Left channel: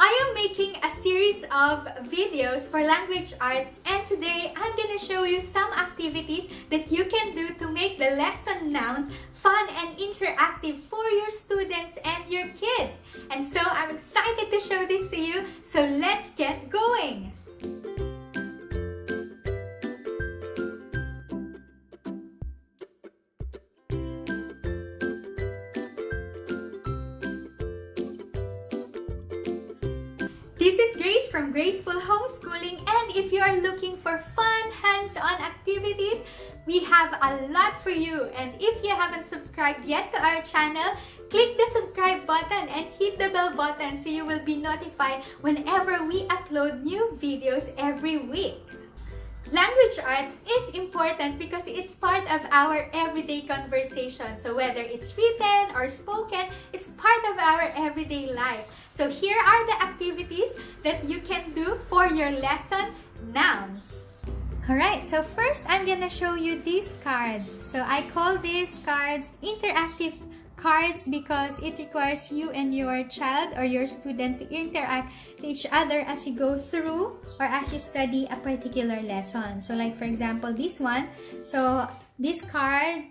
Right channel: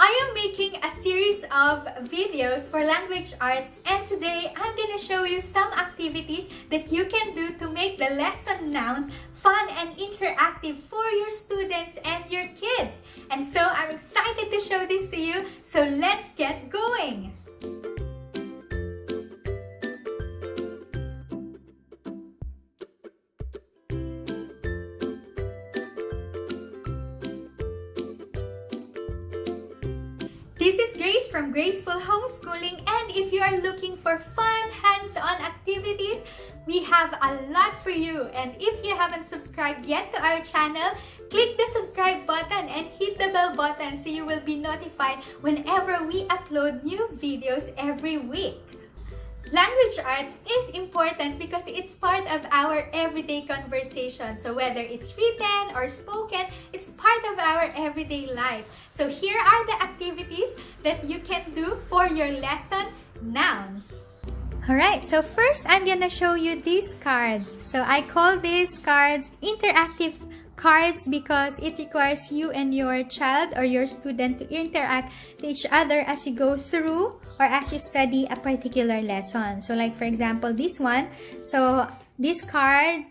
I am making a series of videos for language arts, and today I'm gonna show you some activities that you can do to make the lesson nouns fun and interactive for your students and your kids. And so I'm excited to show this to you, so let's get going! This is Grace from Graceful Homeschooling, and if you are looking for fun, hands-on activities, we have a lot for you. And if you haven't subscribed yet to our channel, click the subscribe button and hit the bell button so you will be notified whenever we upload new videos every week. Language arts is important because it's part of our everyday conversation. So whether it's written or spoken, it's part of our everyday life. So here are the activities that you can do for your lesson nouns. Alright, so first I'm gonna show you these cards. So I call these cards interactive cards because it requires you and your child or your student to interact to each other as you go through or as you study a particular lesson. So like for example, this one. So this card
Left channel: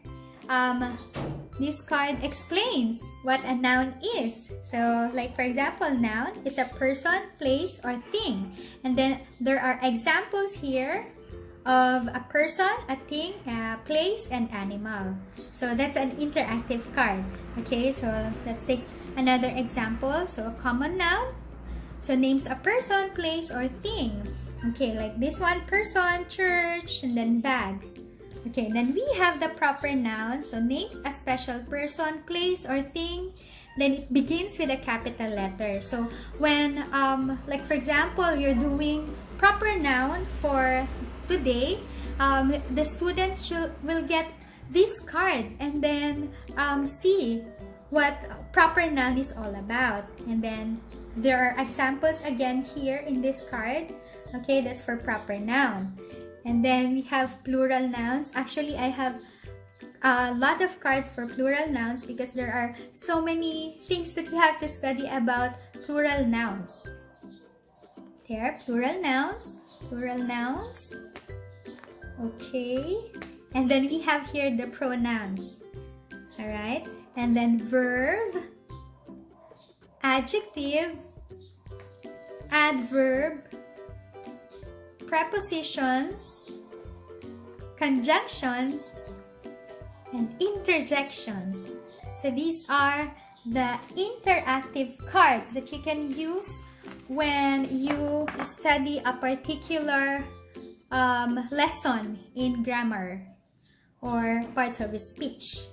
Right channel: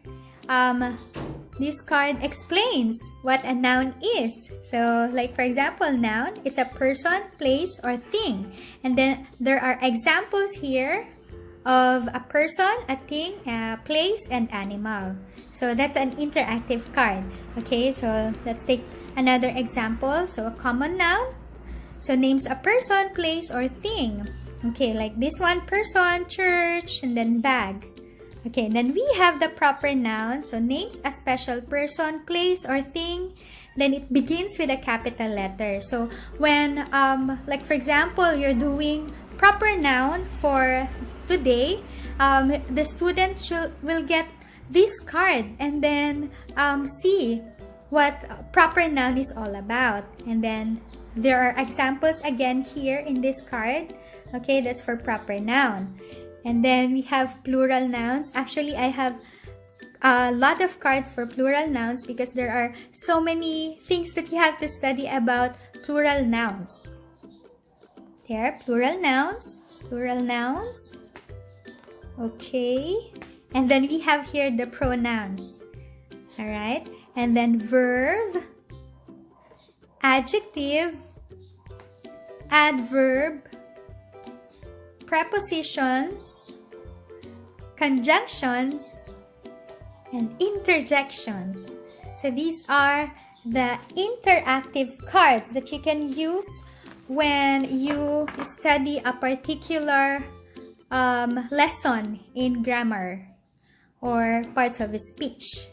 explains what a noun is. So like for example, noun, it's a person, place, or thing. And then there are examples here of a person, a thing, a place, and animal. So that's an interactive card. Okay, so let's take another example. So a common noun, so names a person, place, or thing. Okay, like this one, person, church, and then bag. Okay, then we have the proper noun, so names a special person, place, or thing. Then it begins with a capital letter. So when, like for example, you're doing proper noun for today, the student will get this card and then see what proper noun is all about. And then there are examples again here in this card. Okay, that's for proper noun. And then we have plural nouns. Actually, I have a lot of cards for plural nouns because there are so many things that you have to study about plural nouns. There, plural nouns, plural nouns. Okay, and then we have here the pronouns. All right, and then verb, adjective, adverb, prepositions, conjunctions, and interjections. So these are the interactive cards that you can use when you study a particular lesson in grammar or parts of speech.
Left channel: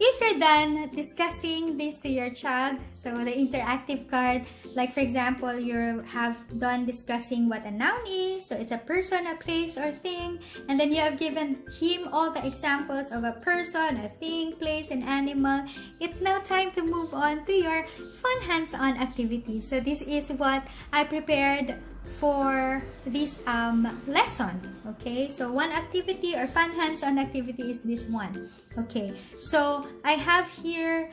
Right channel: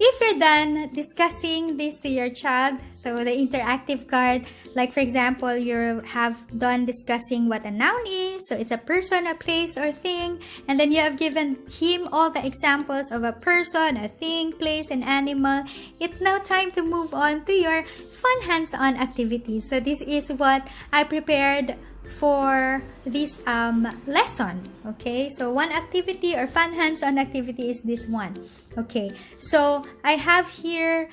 If you're done discussing this to your child, so the interactive card, like for example, you have done discussing what a noun is, so it's a person, a place, or thing, and then you have given him all the examples of a person, a thing, place, and animal. It's now time to move on to your fun hands-on activities. So this is what I prepared for this lesson. Okay, so one activity or fun hands-on activity is this one. Okay, so I have here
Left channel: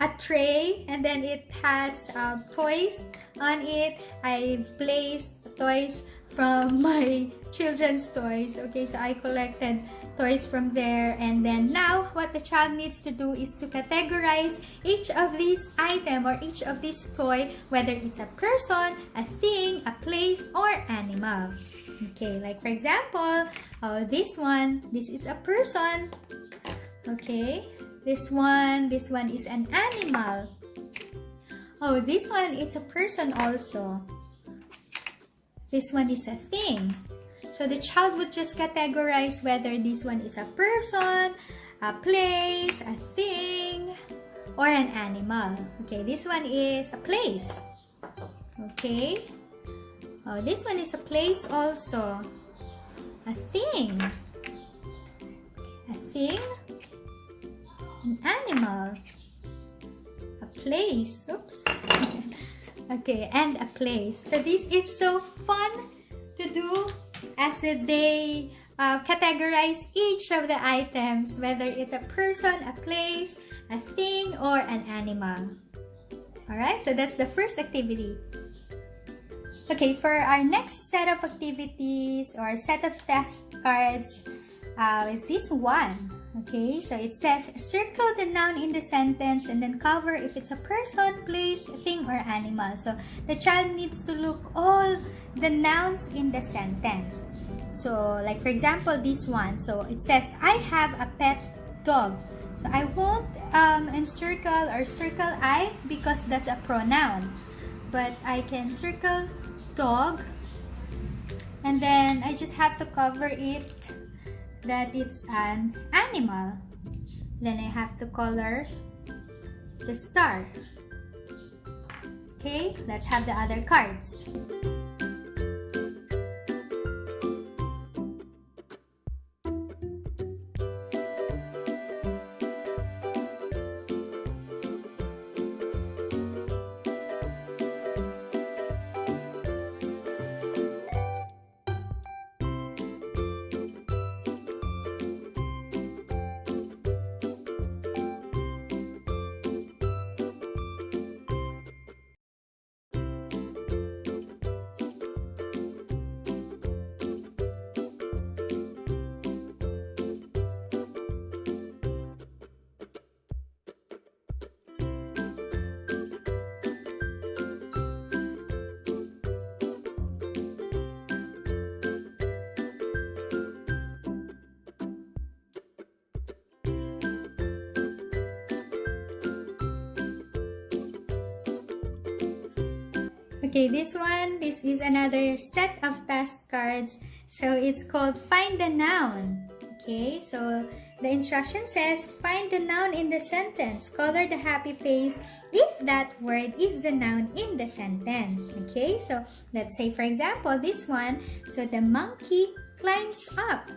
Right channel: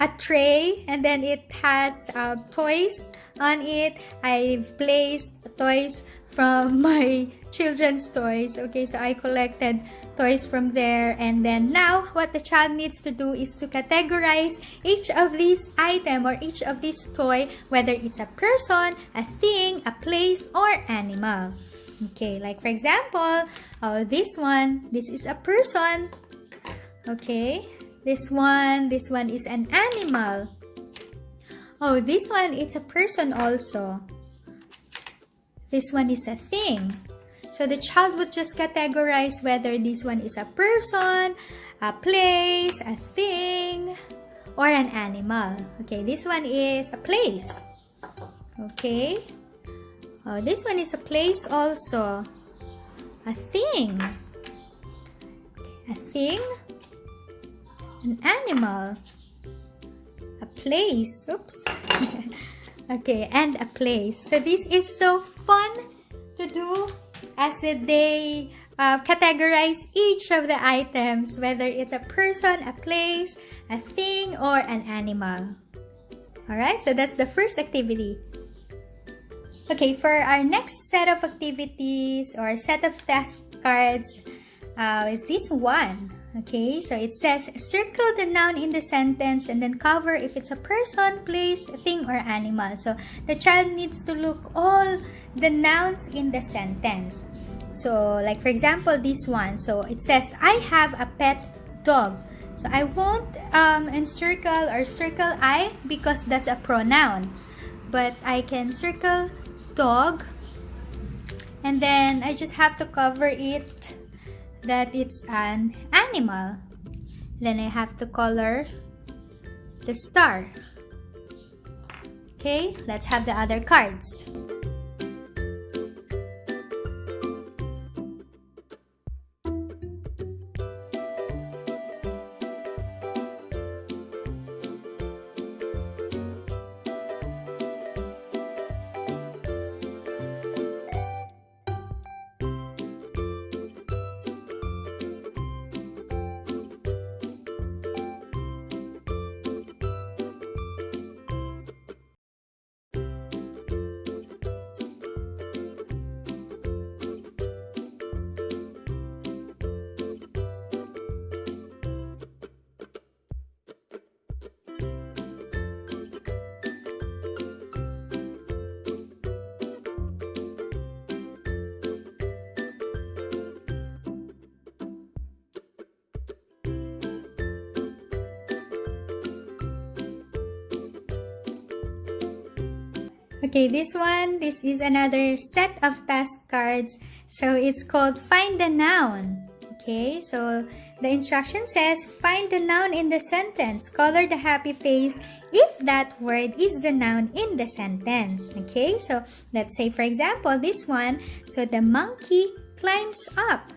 a tray and then it has toys on it. I've placed toys from my children's toys. Okay, so I collected toys from there, and then now what the child needs to do is to categorize each of these item or each of these toy, whether it's a person, a thing, a place, or animal. Okay, like for example, this one, this is a person. Okay, this one is an animal. Oh, this one, it's a person also. This one is a thing. So the child would just categorize whether this one is a person, a place, a thing, or an animal. Okay, this one is a place. Okay. Oh, this one is a place also. A thing. A thing. An animal. A place. Oops. Okay, and a place. So this is so fun to do as they categorize each of the items, whether it's a person, a place, a thing, or an animal. Alright, so that's the first activity. Okay, for our next set of activities or set of task cards is this one. Okay, so it says circle the noun in the sentence and then cover if it's a person, place, thing, or animal. So the child needs to look all the nouns in the sentence. So like for example, this one. So it says I have a pet dog. So I won't encircle or circle I because that's a pronoun. But I can circle dog and then I just have to cover it that it's an animal. Then I have to color the star. Okay, let's have the other cards. Okay, this is another set of task cards. So it's called Find the Noun. Okay, so the instruction says, find the noun in the sentence. Color the happy face if that word is the noun in the sentence. Okay, so let's say for example, this one. So the monkey climbs up.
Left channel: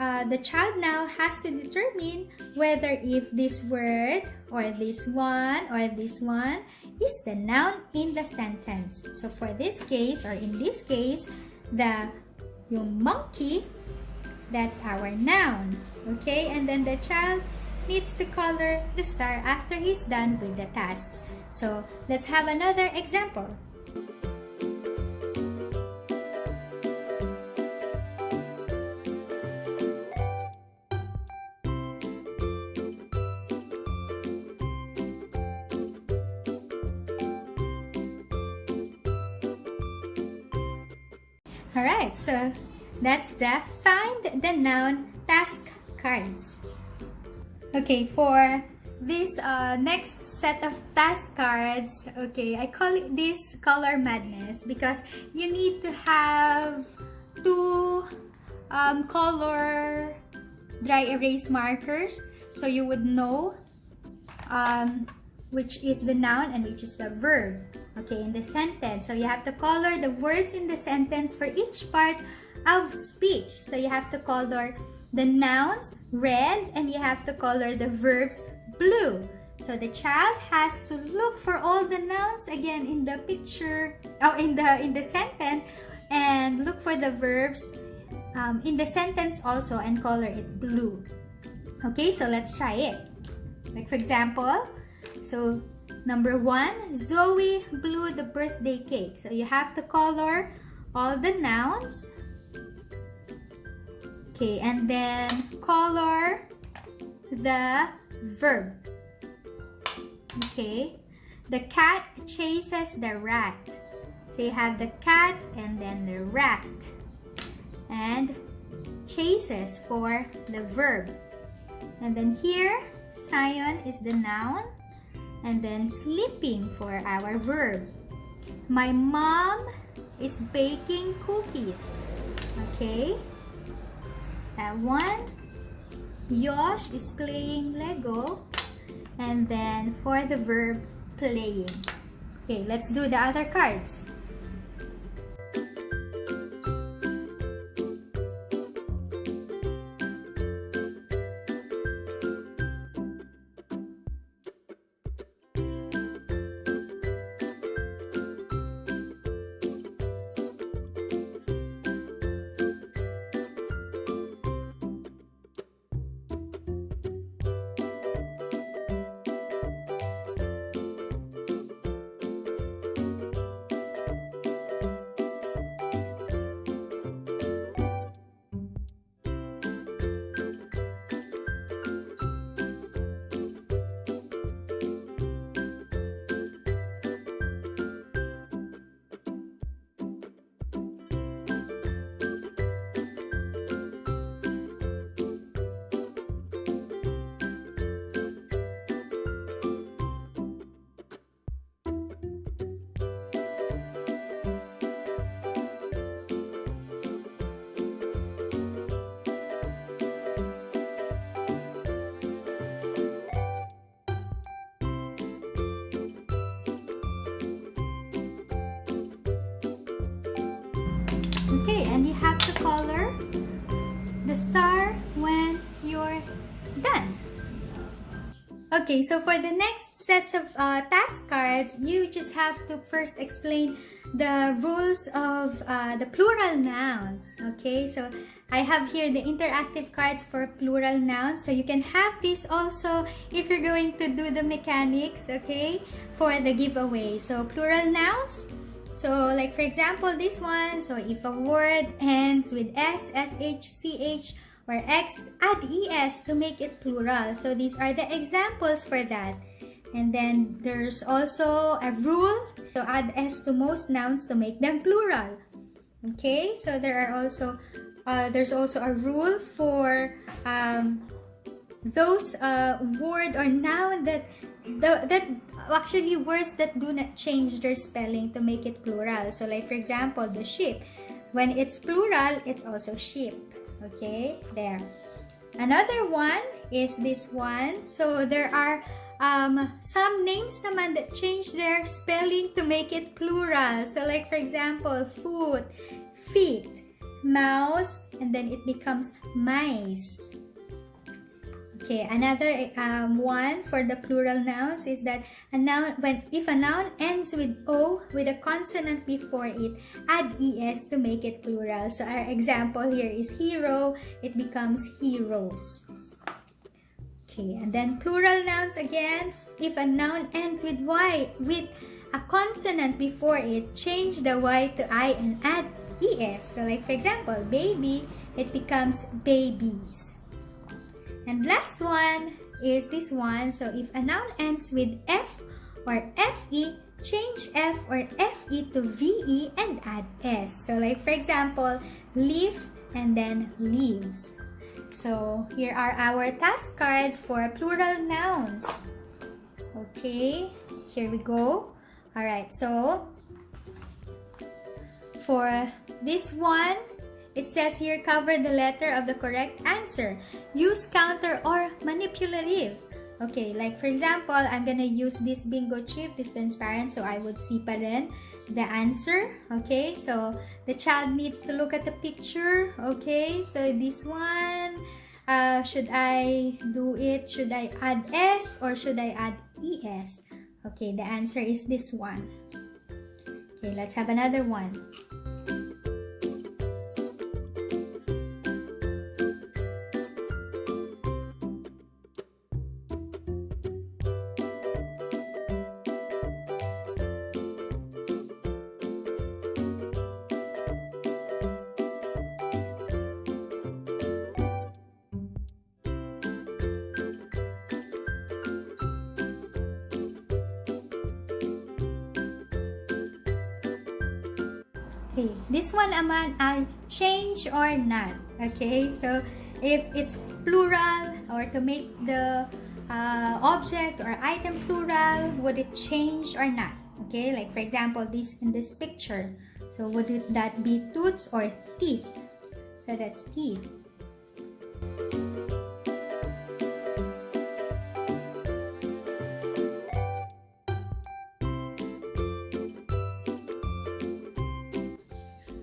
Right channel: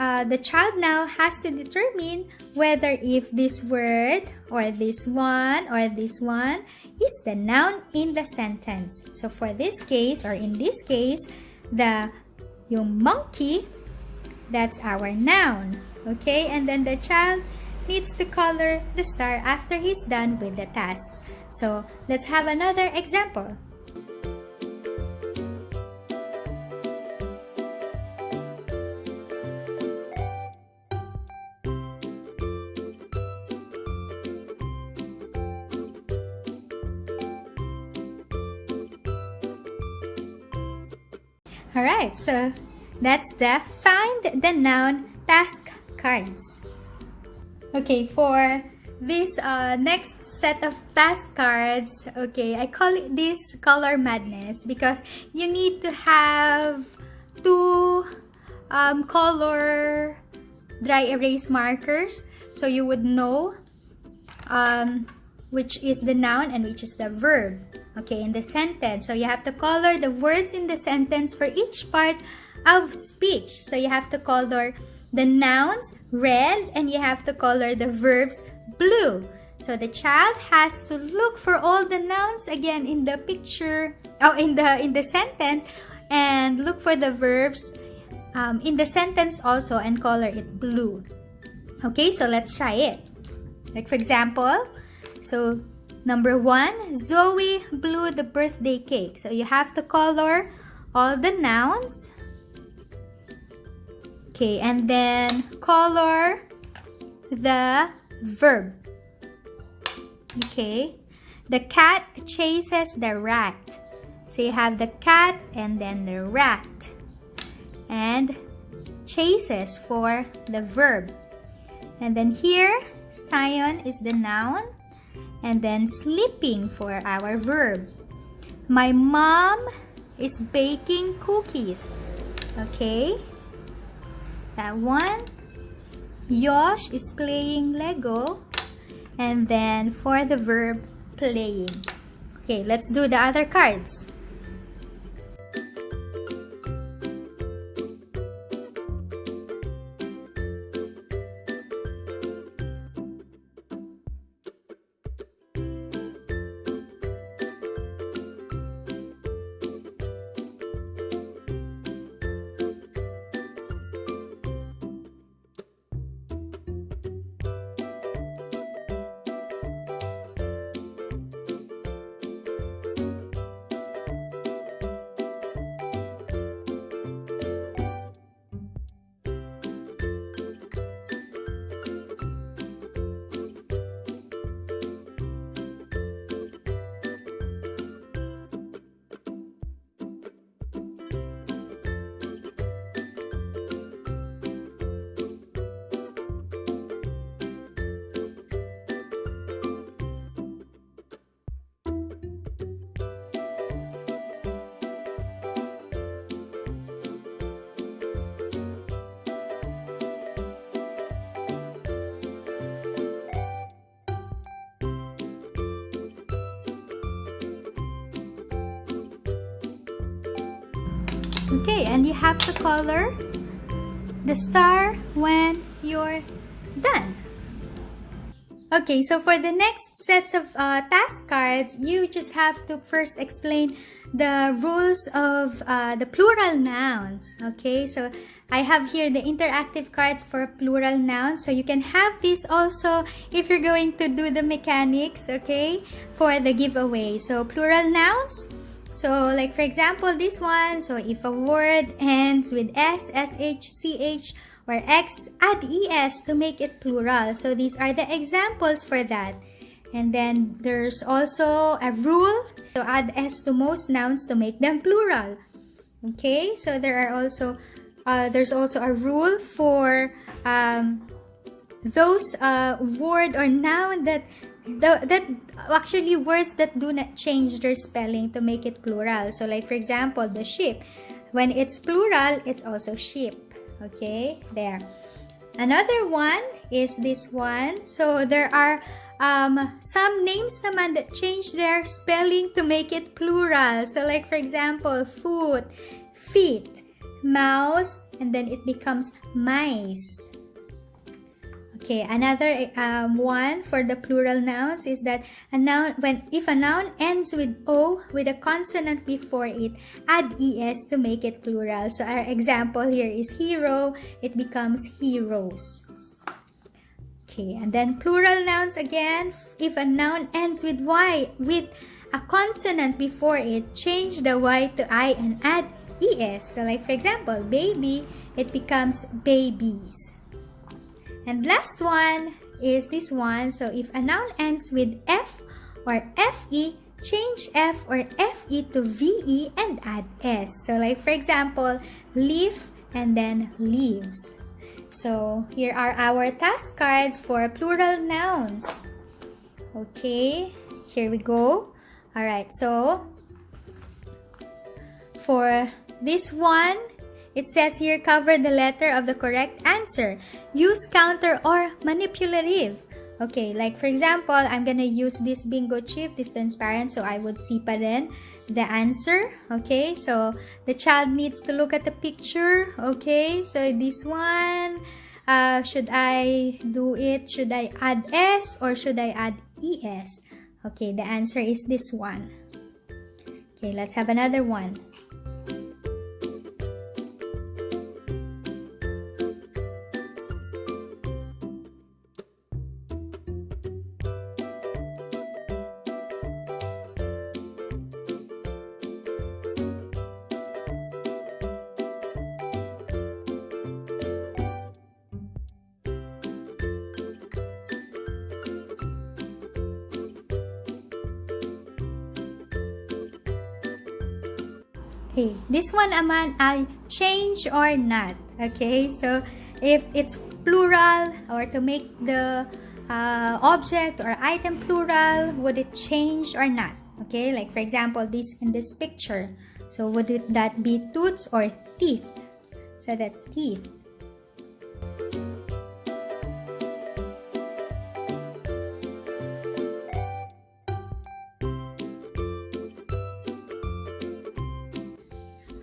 The child now has to determine whether if this word or this one is the noun in the sentence. So for this case or in this case, yung monkey, that's our noun. Okay, and then the child needs to color the star after he's done with the tasks. So let's have another example. Alright, so that's the Find the Noun task cards. Okay, for this next set of task cards, okay, I call it this color madness because you need to have two color dry erase markers so you would know which is the noun and which is the verb, okay, in the sentence. So you have to color the words in the sentence for each part of speech. So you have to color the nouns red and you have to color the verbs blue. So the child has to look for all the nouns again in the picture, in the sentence, and look for the verbs in the sentence also and color it blue. Okay, so let's try it. Like for example, so number 1, Zoe blew the birthday cake. So you have to color all the nouns. Okay, and then color the verb. Okay, the cat chases the rat. So you have the cat and then the rat. And chases for the verb. And then here, Sion is the noun. And then sleeping for our verb. My mom is baking cookies. Okay, that one. Yosh is playing Lego. And then for the verb, playing. Okay, let's do the other cards. Okay, and you have to color the star when you're done. Okay, so for the next sets of task cards, you just have to first explain the rules of the plural nouns. Okay, so I have here the interactive cards for plural nouns. So you can have this also if you're going to do the mechanics, okay, for the giveaway. So plural nouns. So like for example, this one. So if a word ends with S, SH, CH, or X, add ES to make it plural. So these are the examples for that. And then there's also a rule to add S to most nouns to make them plural. Okay, so there's also a rule for those word or noun that actually words that do not change their spelling to make it plural. So like for example, the sheep. When it's plural, it's also sheep. Okay, there. Another one is this one. So there are some names naman that change their spelling to make it plural. So like for example, foot, feet, mouse, and then it becomes mice. Okay, another one for the plural nouns is that a noun, if a noun ends with O with a consonant before it, add ES to make it plural. So our example here is hero, it becomes heroes. Okay, and then plural nouns again, if a noun ends with Y with a consonant before it, change the Y to I and add ES. So like for example, baby, it becomes babies. And last one is this one. So if a noun ends with F or FE, change F or FE to VE and add S. So like for example, leaf and then leaves. So here are our task cards for plural nouns. Okay, here we go. Alright, so for this one, it says here, cover the letter of the correct answer. Use counter or manipulative. Okay, like for example, I'm gonna use this bingo chip, this transparent, so I would see pa rin the answer. Okay, so the child needs to look at the picture. Okay, so this one, should I do it? Should I add S or should I add ES? Okay, the answer is this one. Okay, let's have another one. Okay, this one naman ay change or not. Okay, so if it's plural or to make the object or item plural, would it change or not? Okay, like for example, this in this picture. So would that be tooths or teeth? So that's teeth.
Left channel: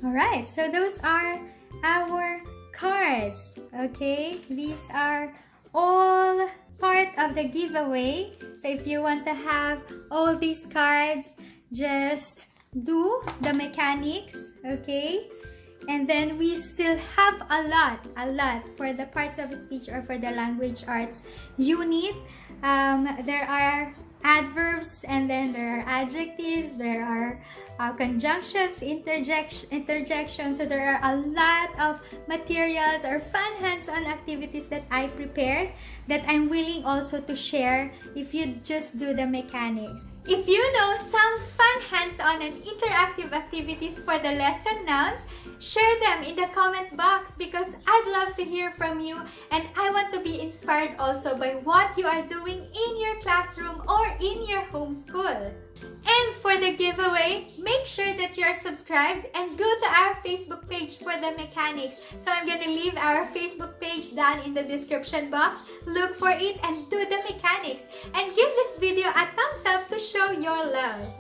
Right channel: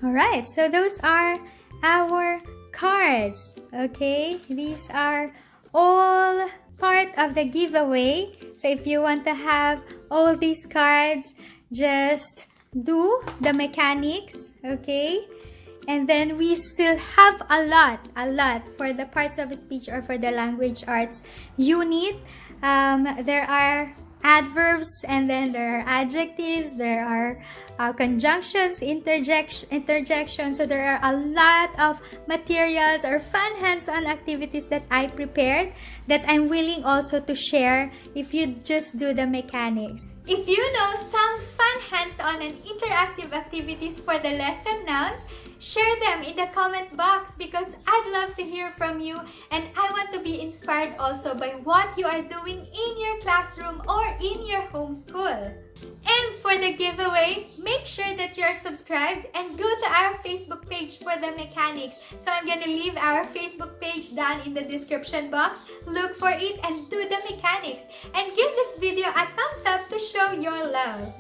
Alright, so those are our cards. Okay, these are all part of the giveaway. So if you want to have all these cards, just do the mechanics. Okay, and then we still have a lot for the parts of speech or for the language arts unit. There are adverbs, and then there are adjectives, there are conjunctions, interjections. So there are a lot of materials or fun hands-on activities that I prepared that I'm willing also to share if you just do the mechanics. If you know some fun hands-on and interactive activities for the lesson nouns, share them in the comment box because I'd love to hear from you, and I want to be inspired also by what you are doing in your classroom or in your home school. And for the giveaway, make sure that you're subscribed and go to our Facebook page for the mechanics. So I'm gonna leave our Facebook page down in the description box. Look for it and do the mechanics. And give this video a thumbs up to show your love.